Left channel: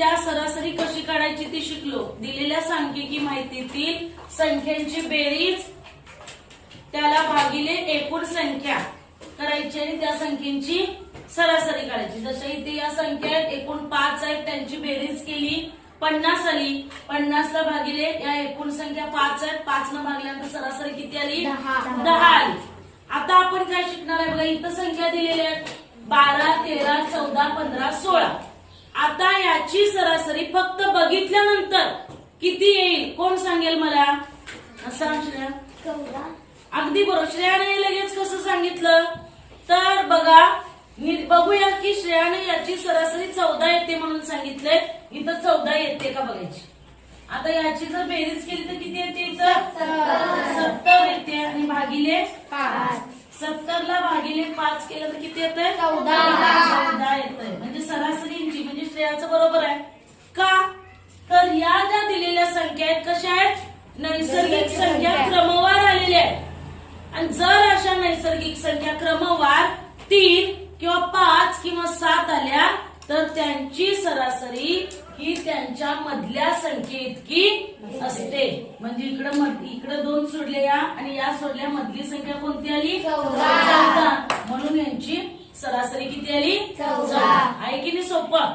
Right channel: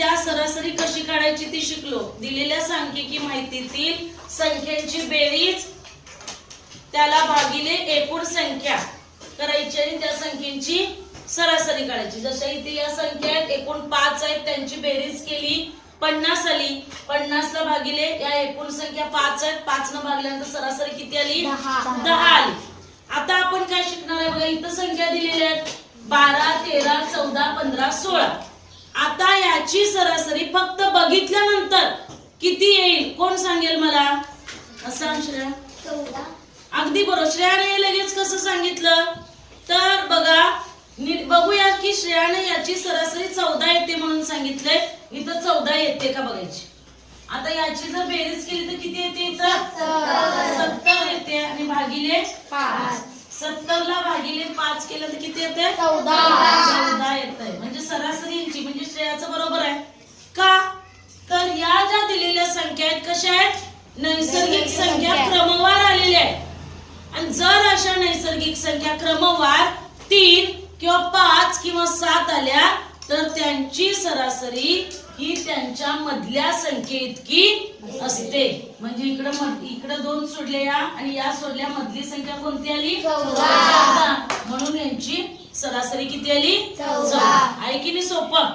त्या सरासरी कशी काढायची ती शिकलो। दिलेल्या सांख्यिकी माहितीतील संख्यांची बेरीज त्याला भागिले एकूण संख्या करायची आणि त्या संख्येची सरासरी काढायची। जशा इथे या संख्या आहेत, एकूण 5 आहेत, त्यांची बेरीज केली 50 आली। 50 ला भागिले या एकूण संख्या 5 आहेत, 5 न भागल्यानंतर सरासरी किती आली? 10 आली। आता आपण काय शिकणार आहे बघा, इथं संख्या दिलेल्या आहेत 12, 13, 14, 15, 16। आता याची सरासरी फक्त बघितल्यानंतर किती येईल कोण सांगेल मला? सांग श्रेया। 14। अगदी बरोबर। श्रेयाने लगेच कसं सांगितलं तर बघा, बघूया की श्रेयाने याची सरासरी 14 येते म्हणून सांगितलंय। इथं 14 येते का बघायची। आता याची जर बेरीज केली तर किती येते? इथं 70 येते आणि भागिले 5। 70 ला भागिले 5 केलं तर किती येते? 14 येते। म्हणजे सरासरीची म्हणजे श्रेयाचं बरोबर आहे का? तर या ज्या दिलेल्या संख्या आहेत कशा आहेत? नैसर्गिक संख्या क्रमवार आलेल्या आहेत। आणि जर अशा नैसर्गिक संख्या क्रमवार 3 किंवा 5 किंवा 7 आल्या तर त्यांची सरासरी ही त्यांच्या मधल्या संख्येइतकी असते। म्हणजे इकडे 2 सोडल्या आणि या सोडल्या, मधली संख्या कोणती आली? 14। म्हणून यांची सरासरी किती आली? 14। आहे की नाही सोपं?